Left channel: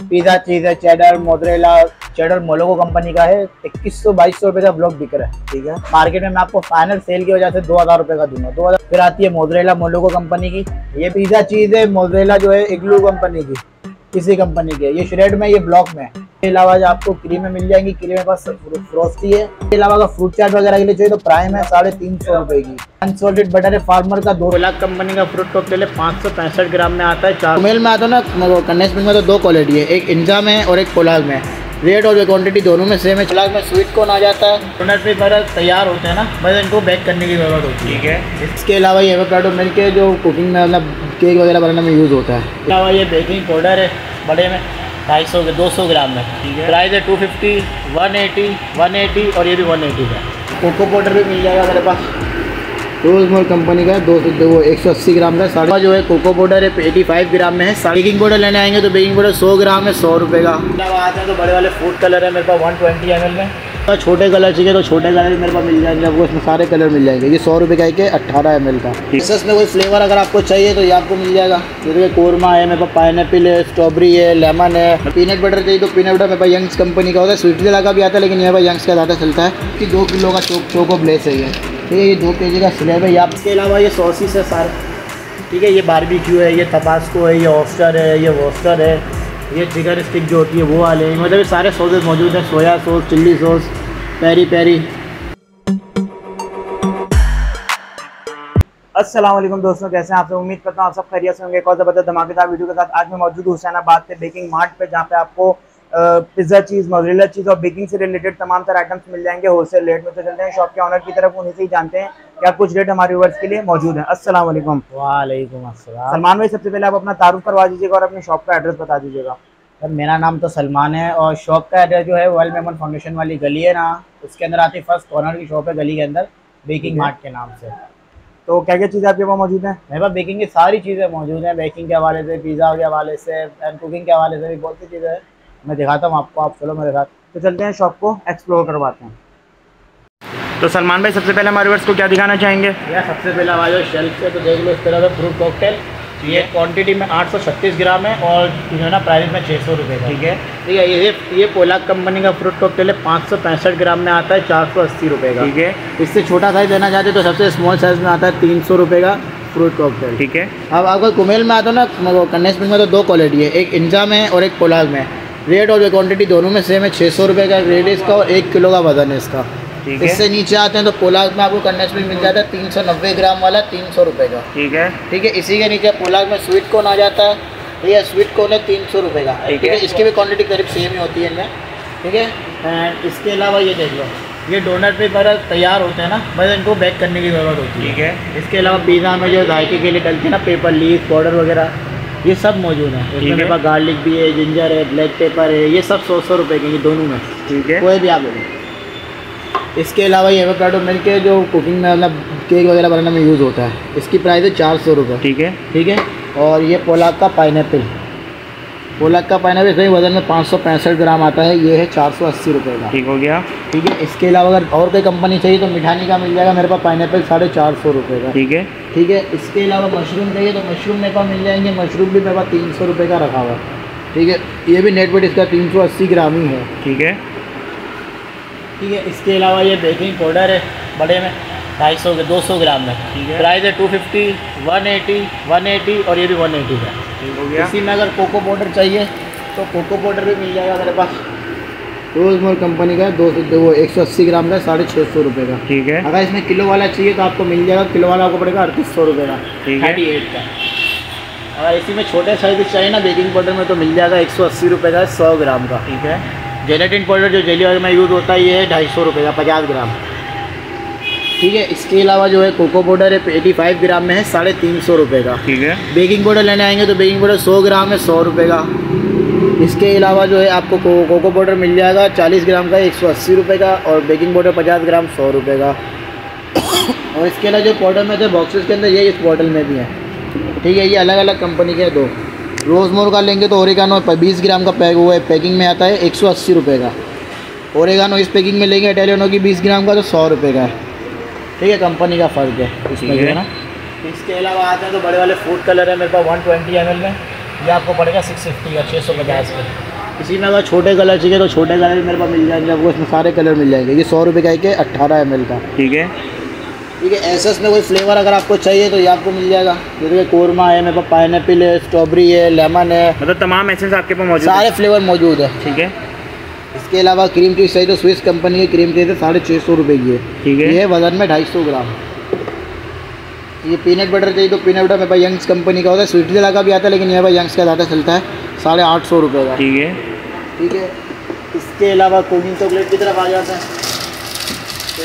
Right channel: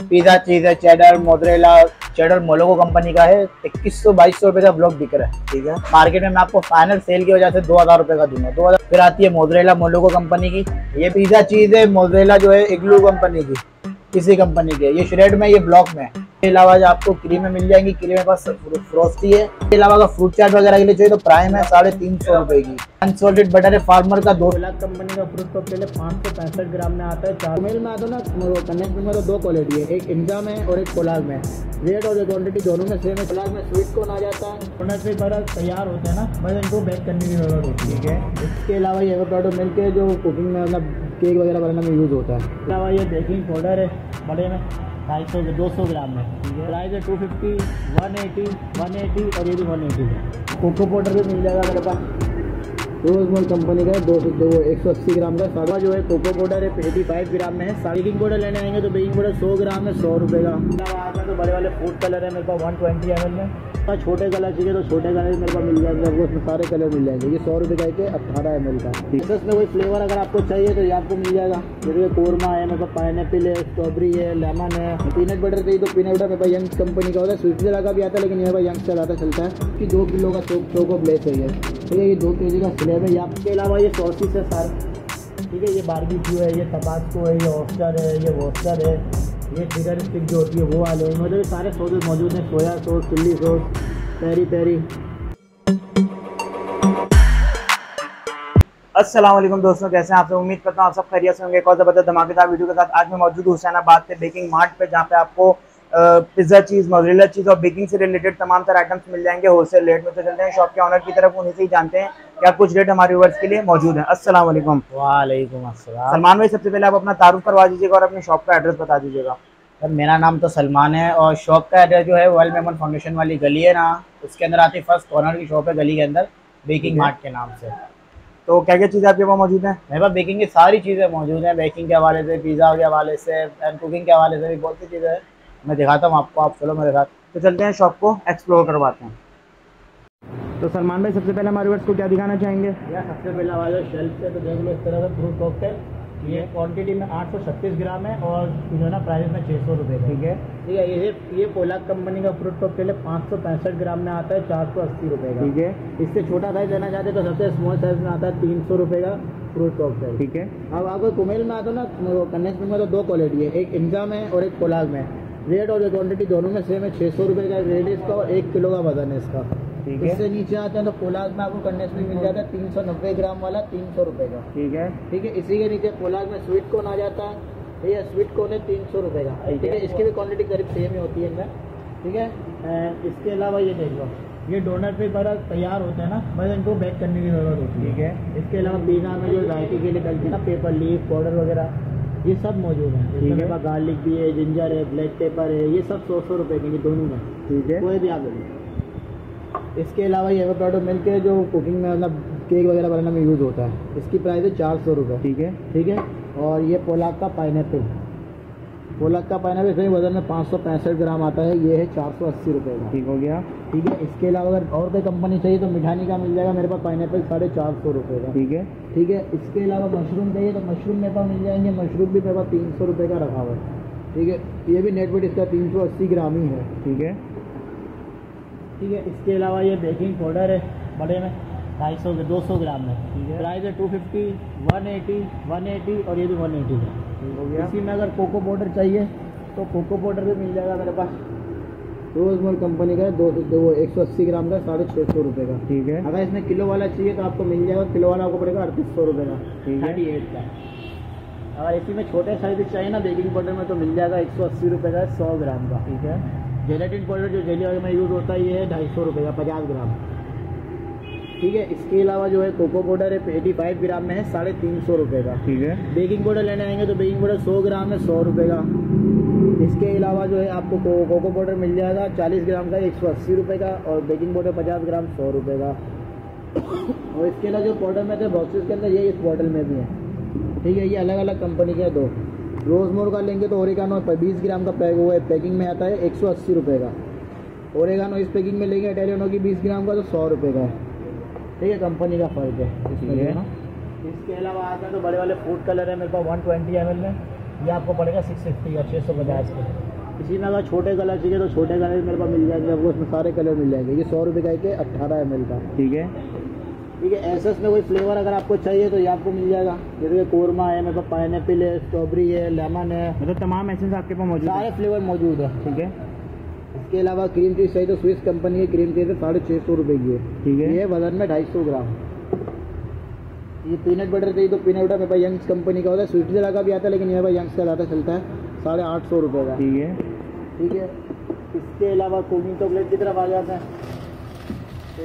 Pizza चीज़ है, cheddar mozzarella, cheddar मोलोगो company का है। 2100-2200 रुपये का ब्लॉक बिक रहा है। ठीक है, मार्केट में मैं आपको फाइनल सेल की वजह से 2000 रुपये का दूंगा। 2000। फिर आती है मोज़रेला मोलोगो कंपनी की। ये पिज़्ज़ा चीज़ है मोज़रेला जो है इग्लू कंपनी की, किसी कंपनी के। ये श्रेड में, ये ब्लॉक में। इसके अलावा जो आपको क्रीमें मिल जाएंगी, क्रीम में पास फ्रोस्टी है। इसके अलावा अगर फ्रूट चाट वगैरह के लिए चाहिए तो प्राइम है 350 रुपये की। अनसॉल्टेड बटर है फार्मर का 2 लाख कंपनी का फ्रूट कॉकटेल है, 565 ग्राम में आता है। 4 मेल में आता है ना, कंडेंस में तो 2 क्वालिटी है, एक इंजा में और एक पोलाग में। रेट और क्वांटिटी दोनों में सेम है। पोलाग में स्वीट कॉर्न आ जाता है। डोनट पे पर तैयार होते हैं ना, बस इनको बेक करने की जरूरत होती है। ठीक है, इसके अलावा ये एवोकाडो मिल्क है जो कुकिंग में मतलब केक वगैरह बनाने में यूज़ होता है। इसके अलावा ये बेकिंग पाउडर है बड़े में 250 ग्राम में। ठीक है, प्राइस है 250, 180 और ये भी 180 का। कोको पाउडर भी मिल जाएगा मेरे पास, रोज मोर कंपनी का 180 ग्राम का। साढ़े जो है कोको पाउडर है 85 ग्राम में है। बेकिंग पाउडर लेने आएंगे तो बेकिंग पाउडर 100 ग्राम है 100 रुपये का। आते हैं तो बड़े वाले फूड कलर है मेरे पास 120 ml में। तो छोटे कलर चाहिए तो छोटे कलर भी मेरे पास मिल जाएंगे आपको, इसमें सारे कलर मिल जाएंगे। ये 100 रुपये का एक है 18 ml का। इसमें कोई फ्लेवर अगर आपको चाहिए तो ये आपको मिल जाएगा। जैसे कोरमा है मेरे पास, पाइनएप्पल है, स्ट्रॉबेरी है, लेमन है। पीनट बटर चाहिए तो पीनट बटर मेरे पास यंग्स कंपनी का होता है। स्वीटला का भी आता है लेकिन यहाँ पर यंग्स का ज़्यादा चलता है। कि 2 किलो का चोको ब्लेस है ये 2 kg का स्लैब है। यहाँ इसके अलावा ये सॉसेस है सारे। ठीक है, ये बारबेक्यू है, ये तबास्को है, ये ऑस्टर है, ये वॉस्टर है, ये चिकन स्टिक जो होती है वो वाले हैं। मतलब ये सारे सॉसेस मौजूद हैं। Soya sauce, chilli sauce, peri peri. अस्सलाम वालेकुम दोस्तों, कैसे हैं आप सब? उम्मीद करता हूँ आप सब खैरियत से होंगे। एक और ज़बरदस्त धमाकेदार वीडियो के साथ आज मैं मौजूद हूँ हुसैनाबाद पे बेकिंग मार्ट पे, जहाँ पे आपको पिज़्ज़ा चीज़, मोज़रेला चीज़ और बेकिंग से रिलेटेड तमाम तरह आइटम्स मिल जाएंगे होलसेल रेट में। तो चलते हैं शॉप के ऑनर की तरफ, उन्हीं से ही जानते हैं क्या कुछ रेट हमारे व्यूअर्स के लिए मौजूद है। अस्सलाम वालेकुम। वालेकुम अस्सलाम। सलमान भाई, सबसे पहले आप अपना तारुफ करवा दीजिएगा और अपनी शॉप का एड्रेस बता दीजिएगा। सर मेरा नाम तो सलमान है और शॉप का एड्रेस जो है वेल मेमन फाउंडेशन वाली गली है ना, उसके अंदर आती फर्स्ट कॉर्नर की शॉप है गली के अंदर, बेकिंग मार्ट के नाम से। तो क्या क्या चीज़ें आपके पास मौजूद हैं? मेरे पास बेकिंग की सारी चीज़ें मौजूद हैं, बेकिंग के हवाले से, पिज़्ज़ा के हवाले से एंड कुकिंग के हवाले से भी बहुत सी चीज़ें हैं। मैं दिखाता हूँ आपको, आप चलो मेरे साथ। तो चलते हैं शॉप को एक्सप्लोर करवाते हैं। तो सलमान भाई, सबसे पहले हमारे व्यूअर्स को क्या दिखाना चाहेंगे? यार सबसे पहले हमारे शेल्फ से तो देख लो इस तरह का फ्रूट कॉकटेल। ये क्वांटिटी में 836 ग्राम है और जो है ना प्राइस में 600 रुपये। ठीक है, ठीक है, ये पोलाग कंपनी का फ्रूट कॉकटेल है, 565 ग्राम में आता है, 480 रुपये का। ठीक है, इससे छोटा साइज़ लेना चाहते तो सबसे स्मॉल साइज़ में आता है 300 रुपये का फ्रूट कॉकटेल। ठीक है। अब आपको कुमेल में आता है ना, कंडेंस मिल्क में तो 2 क्वालिटी है, एक इंजा में और एक पोलाग में। रेट और क्वांटिटी दोनों में सेम है। 600 रुपये का रेट है इसका और 1 किलो का वजन है इसका। ठीक है। इससे नीचे आते हैं तो पोलाग में आपको कंडेंस मिल्क मिल जाता है 390 ग्राम वाला, 300 रुपये का। ठीक है। ठीक है, इसी के नीचे पोलाग में स्वीट कॉर्न आ जाता है। ठीक है, स्वीट कॉर्न है 300 रुपये का। ठीक है, इसकी भी क्वांटिटी करीब सेम ही होती है इनमें। ठीक है, एंड इसके अलावा ये देख लो, ये डोनट पे पर तैयार होते हैं ना, बस इनको बेक करने की ज़रूरत होती है। ठीक है। इसके अलावा पिज़्ज़ा में जो जायके के लिए डलती है ना, पेपर लीफ पाउडर वगैरह, ये सब मौजूद है। इसमें मेरे पास गार्लिक भी है, जिंजर है, ब्लैक पेपर है, ये सब 100 रुपये के, ये दोनों में। ठीक है, कोई भी आप ले। इसके अलावा ये एवोकाडो मिल्क है जो कुकिंग में मतलब केक वगैरह बनाने में यूज़ होता है। इसकी प्राइस है 400 रुपये। ठीक है। ठीक है, और ये पोलाग का पाइनएप्पल, पोलाग का पाइनएप्पल सही वजन में 565 ग्राम आता है, ये है 480 रुपये का। ठीक हो गया। ठीक है, इसके अलावा अगर और कोई कंपनी चाहिए तो मिठानी का मिल जाएगा मेरे पास, पाइनएप्पल 450 रुपये का। ठीक है। ठीक है, इसके अलावा मशरूम चाहिए तो मशरूम मेरे पास मिल जाएंगे, मशरूम भी मेरे पास 300 रुपये का रखा हुआ है। ठीक है, ये भी नेट वेट इसका 380 ग्राम ही है। ठीक है। ठीक है, इसके अलावा ये बेकिंग पाउडर है बड़े में 200 ग्राम में। ठीक है, प्राइस है 250, 180 और ये भी 180 का। ठीक हो गया। इसी में अगर कोको पाउडर चाहिए तो कोको पाउडर भी मिल जाएगा मेरे पास, रोज मोर कंपनी का 180 ग्राम का 650 रुपये का। ठीक है। अगर इसमें किलो वाला चाहिए तो आपको मिल जाएगा, किलो वाला आपको पड़ेगा 3800 रुपये का। ठीक है। 38 का। अगर इसी में छोटे साइज चाहिए ना बेकिंग पाउडर में तो मिल जाएगा 180 रुपये का 100 ग्राम का। ठीक है। जेलेटिन पाउडर जो जेली ऑयल में यूज़ होता है, ये है 250 रुपये का 50 ग्राम। ठीक है, इसके अलावा जो है कोको पाउडर है 85 ग्राम में है, 350 रुपये का। ठीक है। बेकिंग पाउडर लेने आएंगे तो बेकिंग पाउडर 100 ग्राम है 100 रुपये का। इसके अलावा जो है आपको कोको पाउडर मिल जाएगा 40 ग्राम का 180 रुपये का, और बेकिंग पाउडर 50 ग्राम 100 रुपये का। और इसके अलावा जो पाउडर में थे बॉक्सेस के अंदर, ये इस बॉटल में भी है। ठीक है, ये अलग अलग कंपनी के 2। रोज़मोर का लेंगे तो ओरिगानो 20 ग्राम का पैक हुआ है, पैकिंग में आता है 180 रुपये का। ओरिगानो इस पैकिंग में लेंगे इटालियनो की 20 ग्राम का तो 100 रुपये का है। ठीक है, कंपनी का फ़र्क है इसमें, है ना। इसके अलावा आते हैं तो बड़े वाले फूड कलर है मेरे पास 120 ml में, ये आपको पड़ेगा 650 या 650 में। इसी में अगर छोटे कलर चाहिए तो छोटे कलर भी मेरे पास मिल जाएंगे आपको, इसमें सारे कलर मिल जाएंगे। ये 100 रुपये का एक है, 18 ml का। ठीक है। ठीक है, एसेस में कोई फ्लेवर अगर आपको चाहिए तो ये आपको मिल जाएगा। जैसे कोरमा है मेरे पास, पाइनएप्पल है, स्ट्रॉबेरी है, लेमन है, मतलब तमाम एसेंस आपके पास मौजूद सारे फ्लेवर मौजूद है। ठीक है। इसके अलावा क्रीम चीज़ चाहिए तो स्विस कंपनी की क्रीम चीज़ है, 650 रुपये की है। ठीक है। ये वजन में 250 ग्राम। ये पीनट बटर चाहिए तो पीनट बटर मेरे पास यंग्स कंपनी का होता है, स्वीटला का भी आता है, लेकिन यहाँ पर यंग्स का ज़्यादा चलता है, 850 रुपये का। ठीक है। ठीक है। इसके अलावा कुकिंग चॉकलेट की तरफ आ जाता है, तो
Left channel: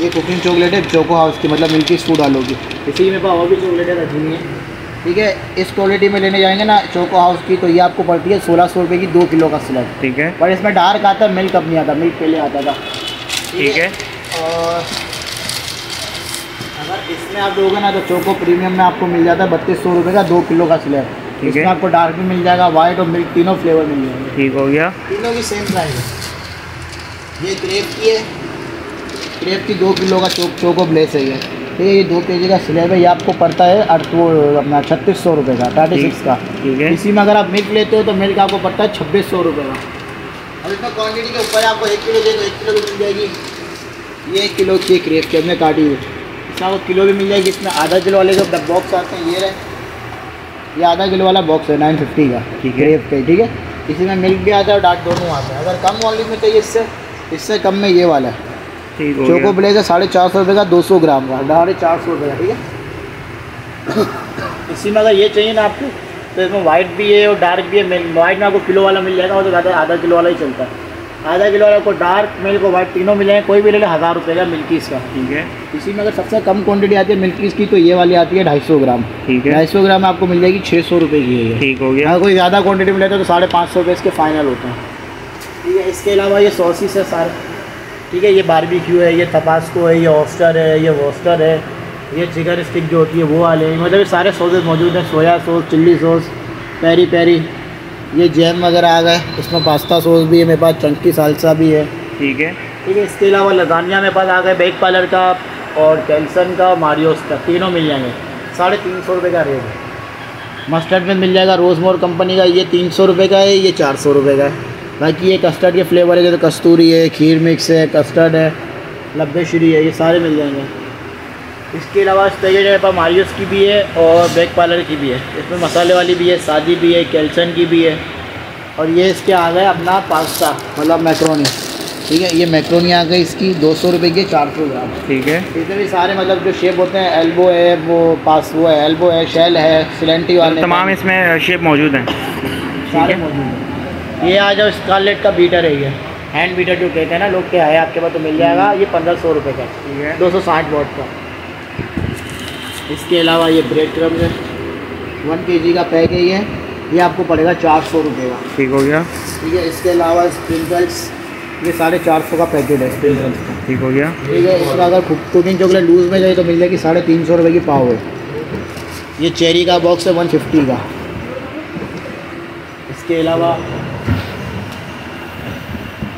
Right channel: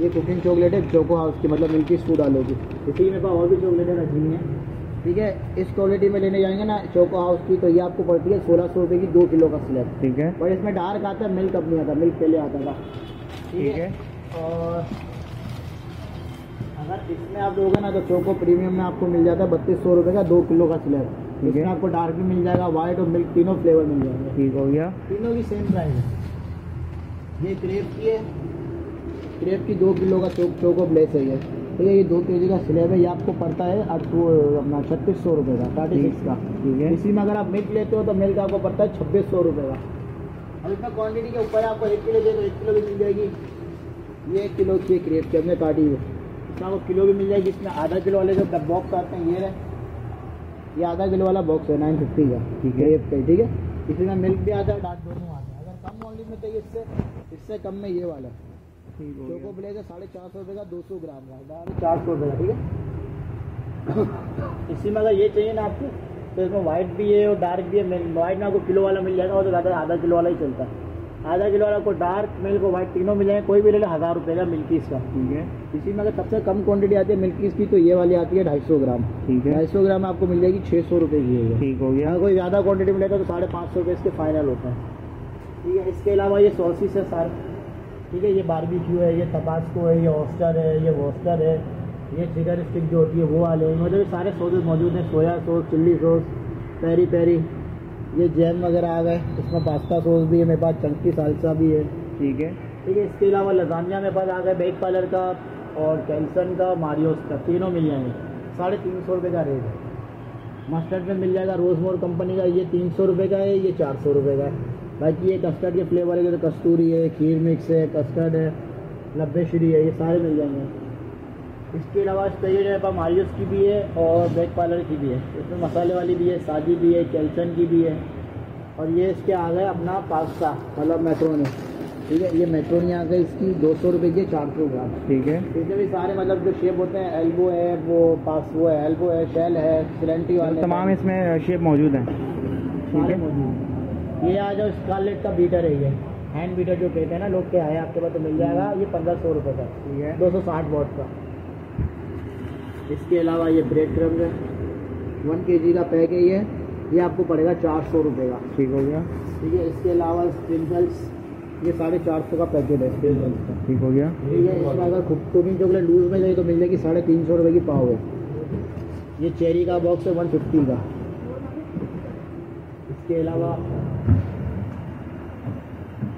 ये कुकिंग चॉकलेट है चोको हाउस की, मतलब मिल्की फूड आलू की। इसी में पास और भी चॉकलेटें रखी हुई हैं। ठीक है। इस क्वालिटी में लेने जाएंगे ना चोको हाउस की, तो ये आपको पड़ती है 1600 रुपये की 2 किलो का स्लैब। ठीक है। पर इसमें डार्क आता है, मिल्क अब नहीं आता, मिल्क पहले आता था। ठीक है। और अगर इसमें आप लोगे ना तो चोको प्रीमियम में आपको मिल जाता है 3200 रुपये का 2 किलो का स्लैब। ठीक है। इसमें आपको डार्क भी मिल जाएगा, वाइट और मिल्क तीनों फ्लेवर मिल जाएंगे। ठीक हो गया। तीनों की सेम प्राइस है। ये क्रेप की है, क्रेप की 2 किलो का चोको ब्लेस है ये 2 kg का स्लैब है। ये आपको पड़ता है अपना 3600 रुपये का, 36 का। ठीक है। इसी में अगर आप मिल्क लेते हो तो मिल्क आपको पड़ता है 2600 रुपये का। अब इसमें क्वान्टिटी के ऊपर आपको 1 किलो दे तो 1 किलो भी मिल जाएगी। ये 1 किलो की क्रेप की हमने काटी हुई, इसमें आपको किलो भी मिल जाएगी। इसमें आधा किलो वाले जो बॉक्स आते हैं ये रहे, ये आधा किलो वाला बॉक्स है 950 का। ठीक है। क्रेप के। ठीक है। इसी में मिल्क भी आता है और डार्क दोनों आता है। अगर कम वॉल्यूम में चाहिए इससे कम में ये वाला है चोको ब्लेज है, 450 रुपये का 200 ग्राम का, 450 रुपये का। ठीक है। इसी में अगर ये चाहिए ना आपको तो इसमें वाइट भी है और डार्क भी है। वाइट में आपको किलो वाला मिल जाएगा, वो तो ज़्यादा आधा किलो वाला ही चलता है। आधा किलो वाला आपको डार्क मिल्क और वाइट तीनों मिलेंगे, कोई भी ले ले 1000 रुपये का मिल्कीज़ का। ठीक है। इसी में अगर सबसे कम क्वांटिटी आती है मिल्कीज़ की तो ये वाली आती है 250 ग्राम। ठीक है। 250 ग्राम आपको मिल जाएगी 600 रुपये की है। ठीक हो गया। अगर कोई ज़्यादा क्वांटिटी में लेते तो 550 रुपये इसके फाइनल होते हैं। ठीक है। इसके अलावा ये सॉसेस है सारे। ठीक है। ये बारबेक्यू है, ये तबास्को है, ये ऑस्टर है, ये वोस्टर है, ये चिकन स्टिक जो होती है वो वाले, मतलब ये सारे सॉसेस मौजूद हैं। Soya sauce, chilli sauce, peri peri, ये जैम वगैरह आ गए। इसमें पास्ता सॉस भी है मेरे पास, चंकी सालसा भी है। ठीक है। ठीक है। इसके अलावा लजानिया मेरे पास आ गए, बेक पार्लर का और कैल्सन का, मारियोस का, तीनों मिल जाएंगे। 350 रुपये का रेट है। मस्टर्ड में मिल जाएगा रोज़मोर कंपनी का, ये 300 रुपये का है, ये 400 रुपये का है। बाकी ये कस्टर्ड के फ्लेवर है, जैसे कस्तूरी है, खीर मिक्स है, कस्टर्ड है, लब्बे श्री है, ये सारे मिल जाएंगे। इसके अलावा इस पैकेट मेरे पास मारियोस की भी है और बेक पार्लर की भी है। इसमें मसाले वाली भी है, सादी भी है, कैल्सन की भी है। और ये इसके आ गए अपना पास्ता, मतलब मैक्रोनी। ठीक है। ये मैक्रोनी आ गई इसकी 200 रुपये की 400 ग्राम। ठीक है। इसमें भी सारे मतलब जो शेप होते हैं, एल्बो है, वो है एल्बो है, शेल है, सिलेंटी वाले, तमाम इसमें शेप मौजूद हैं। सारे मौजूद हैं। ये आ जाओ स्कारलेट का बीटर है, ये हैंड बीटर जो कहते हैं ना लोग के, है आपके पास तो मिल जाएगा। ये 1500 रुपये का। ठीक है। 260 वॉट का। इसके अलावा ये ब्रेड क्रम्स है, 1 kg का पैक है ये आपको पड़ेगा 400 रुपये का। ठीक हो गया। ठीक है। इसके अलावा स्प्रिंकल्स, ये 450 का पैकेट है स्प्रिंकल्स का। ठीक हो गया। ठीक है। इसका अगर कुकिंग चॉकलेट लूज़ में जाए तो मिल जाएगी 350 रुपये की पाव है। ये चेरी का बॉक्स है 150 का। इसके अलावा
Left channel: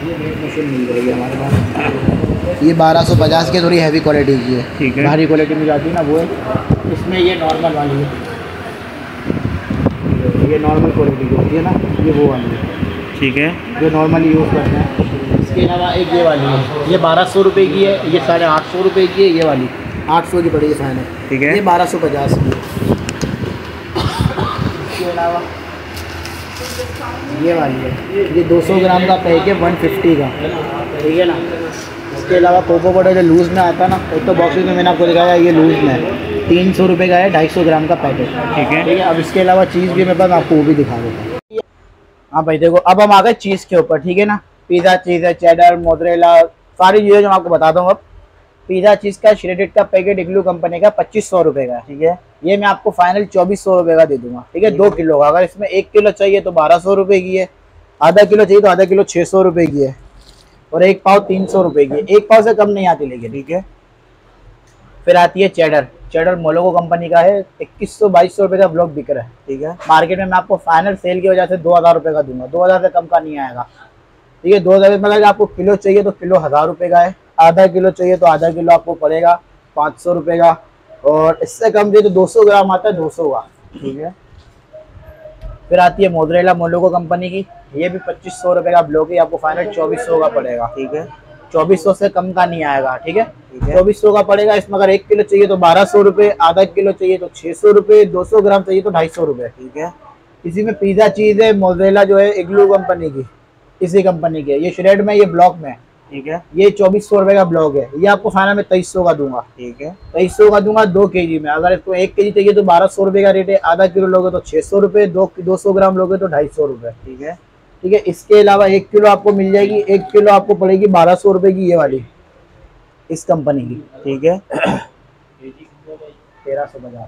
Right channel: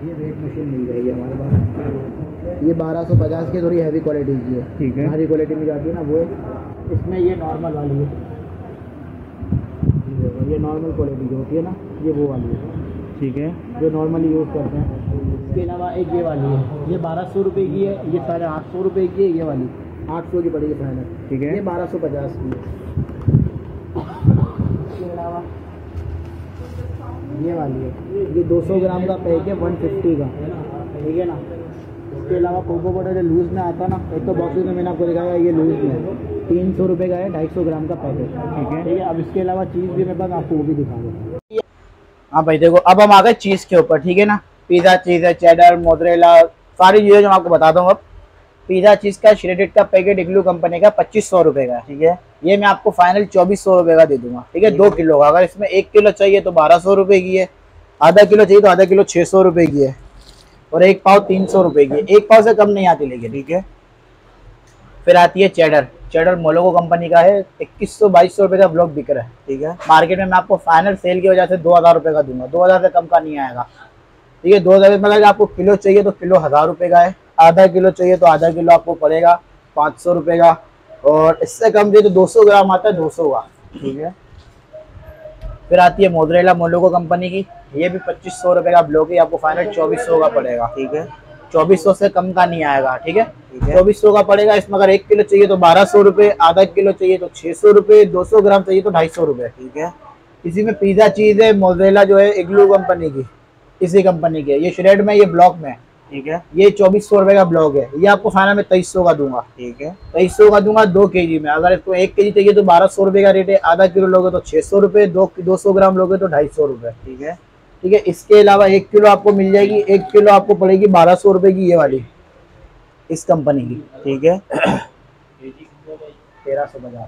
ये वेट मशीन मिल जाएगी हमारे पास, ये 1250 की, थोड़ी हैवी क्वालिटी की है। ठीक है। भारी क्वालिटी में जाती है ना वो है। इसमें ये नॉर्मल वाली है, ये नॉर्मल क्वालिटी की होती है ना, ये वो वाली है। ठीक है। जो नॉर्मली यूज़ करते हैं। इसके अलावा एक ये वाली है, ये 1200 रुपये की है, ये 850 रुपये की है, ये वाली 800 की पड़ेगी फाइनल। ठीक है। ये 1250 की है। इसके अलावा ये वाली है, ये 200 ग्राम का पैक है 150 का। ठीक है ना। इसके अलावा कोको पाउडर जो लूज़ में आता है ना, एक तो बॉक्सेस में मैंने आपको दिखाया ये लूज़ में है, 300 रुपये का है, 250 ग्राम का पैकेट। ठीक है। ठीक है। अब इसके अलावा चीज़ भी मेरे पास, आपको वो भी दिखा देता हूँ। हाँ भाई देखो, अब हम आ गए चीज़ के ऊपर। ठीक है ना। पिज़्ज़ा चीज़ है, चेडर, मोज़रेला, सारी चीज़ें जो मैं आपको बताता हूँ। अब पिज़्ज़ा चीज़ का श्रेडेड का पैकेट इग्लू कंपनी का 2500 रुपये का। ठीक है। ये मैं आपको फाइनल 2400 रुपये का दे दूंगा। ठीक है। 2 किलो का, अगर इसमें 1 किलो चाहिए तो 1200 रुपये की है, आधा किलो चाहिए तो आधा किलो 600 रुपये की है, और 1 पाव 300 रुपये की है। 1 पाव से कम नहीं आती लेकिन। ठीक है। फिर आती है चेडर। चेडर मोलोगो कंपनी का है, 2100-2200 रुपये का ब्लॉक बिक रहा है। ठीक है। मार्केट में मैं आपको फाइनल सेल की वजह से 2000 रुपये का दूंगा, 2000 से कम का नहीं आएगा। ठीक है। 2000 में अगर आपको किलो चाहिए तो किलो 1000 रुपये का है, आधा किलो चाहिए तो आधा किलो आपको पड़ेगा 500 रुपये का, और इससे कम चाहिए तो 200 ग्राम आता है 200 का। ठीक है। फिर आती है मोज़रेला मोलोगो कंपनी की, ये भी 2500 रुपये का ब्लॉक है, आपको फाइनल 2400 का पड़ेगा। ठीक है, 2400 से कम का नहीं आएगा। ठीक है, 2400 का पड़ेगा। इसमें अगर 1 किलो चाहिए तो 1200 रुपये, आधा किलो चाहिए तो 600 रुपये, 200 ग्राम चाहिए तो 250 रुपये। ठीक है, इसी में पिज़्ज़ा चीज़ है मोज़रेला जो है इग्लू कंपनी की, इसी कंपनी के, ये श्रेड में, ये ब्लॉक में। ठीक है, ये 2400 रुपये का ब्लॉक है, ये आपको फाइनल में 2300 का दूंगा। ठीक है, 2300 का दूंगा 2 kg में। अगर इसको 1 kg चाहिए तो 1200 रुपये का रेट है, आधा किलो लोगे तो 600 रुपये, 200 ग्राम लोगे तो 250 रुपये। ठीक है, ठीक है। इसके अलावा 1 किलो आपको मिल जाएगी, 1 किलो आपको पड़ेगी 1200 रुपये की, ये वाली इस कंपनी की। ठीक है, 1350।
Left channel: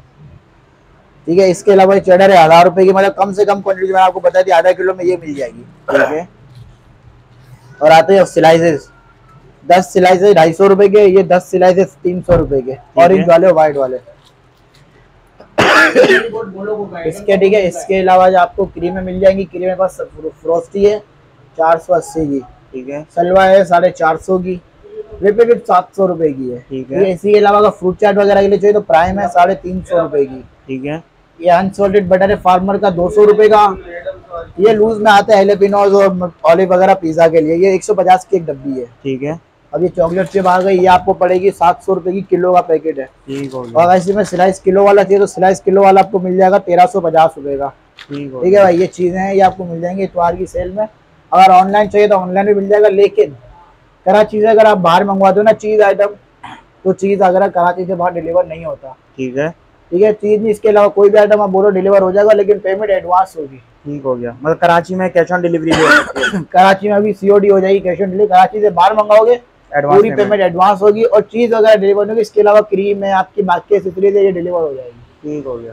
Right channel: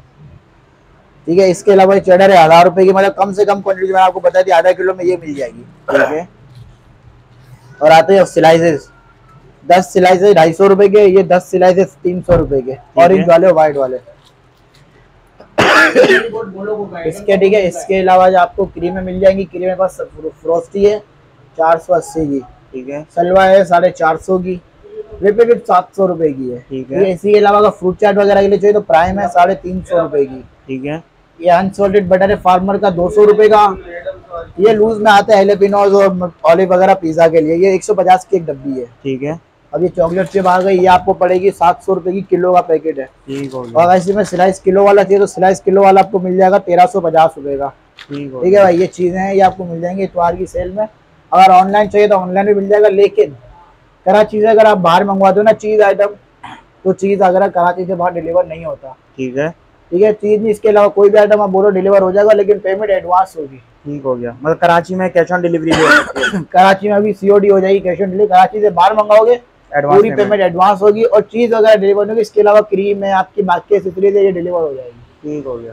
ठीक है, इसके अलावा ये चेडर है 1000 रुपये की, मतलब कम से कम क्वांटिटी में आपको बता दी, आधा किलो में ये मिल जाएगी। ठीक है, और आते हैं स्लाइसेस, 10 स्लाइसेस 250 रुपए के, ये 10 स्लाइसेस 300 रुपए के, ऑरेंज वाले व्हाइट वाले। इसके ठीक है, इसके अलावा जो आपको क्रीमें मिल जाएंगी, क्रीमें पास फ्रोस्टी है 480 की। ठीक है, सलवा है 450 की, विपिट 700 रुपए की है। ठीक है, इसी के अलावा अगर फ्रूट चाट वगैरह के लिए चाहिए तो प्राइम है 350 रुपए की। ठीक है, ये अनसॉल्टेड बटर है फार्मर का 200 रुपए का, ये लूज में आता है हैलेपिनोज और ऑलिव वगैरह पिज्जा के लिए, ये 150 की एक डब्बी है। ठीक है, अब ये चॉकलेट चिप आ गई, ये आपको पड़ेगी 700 रुपए की, किलो का पैकेट है। ठीक है, और इसी में स्लाइस किलो वाला चाहिए तो स्लाइस किलो वाला आपको मिल जाएगा 1350 रुपए का। ठीक है भाई, ये चीजें हैं, ये आपको मिल जाएंगी इतवार की सेल में। अगर ऑनलाइन चाहिए तो ऑनलाइन भी मिल जाएगा, लेकिन कराची से अगर आप बाहर मंगवा दो ना चीज आइटम, तो चीज अगर कराची से बाहर डिलीवर नहीं होता। ठीक है, ठीक है, चीज नहीं, इसके अलावा कोई भी आइटम आप बोलो डिलीवर हो जाएगा, लेकिन पेमेंट एडवांस होगी। ठीक हो गया, मतलब कराची में कैश ऑन डिलीवरी कराची में अभी COD हो जाएगी, कैश ऑन डिलीवरी। कराची से बाहर मंगाओगे पूरी पेमेंट एडवांस होगी, और चीज वगैरह डिलीवर होगी। इसके अलावा क्रीम है आपकी, बाकी एक्सेसरीज है, ये डिलीवर हो जाएगी। ठीक हो गया।